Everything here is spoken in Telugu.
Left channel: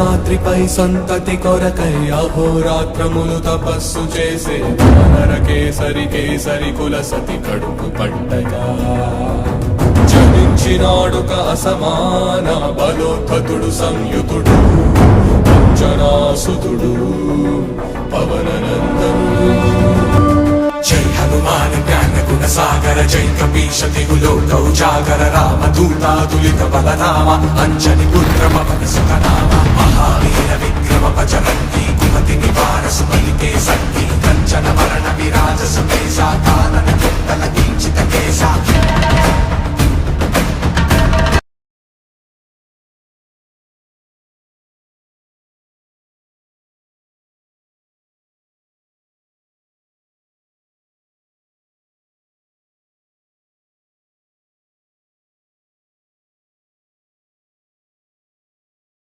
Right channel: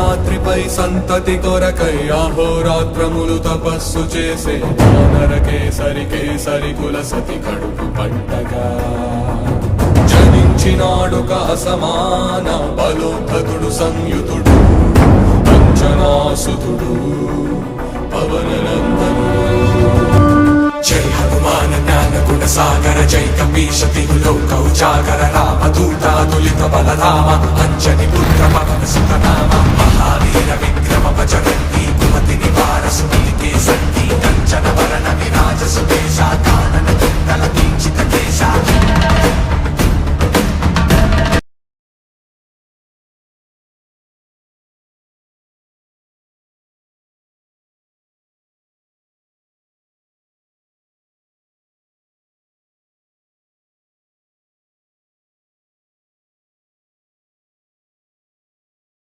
రాత్రిపై సంతతి కొరకై అహోరాత్రములు తపస్సు చేసే వానర కేసరి కేసరి కుల సతి కడుపు పట్టగా జనించినాడొక అసమాన బలోద్ధతుడు సంయుతుడు అంజనాసుతుడు పవననందనుడు జై హనుమాన్ జ్ఞాన గుణ సాగర జై కపీశ తిగులో కౌజాగర రామ దూతాదులిత బలరామ అంజని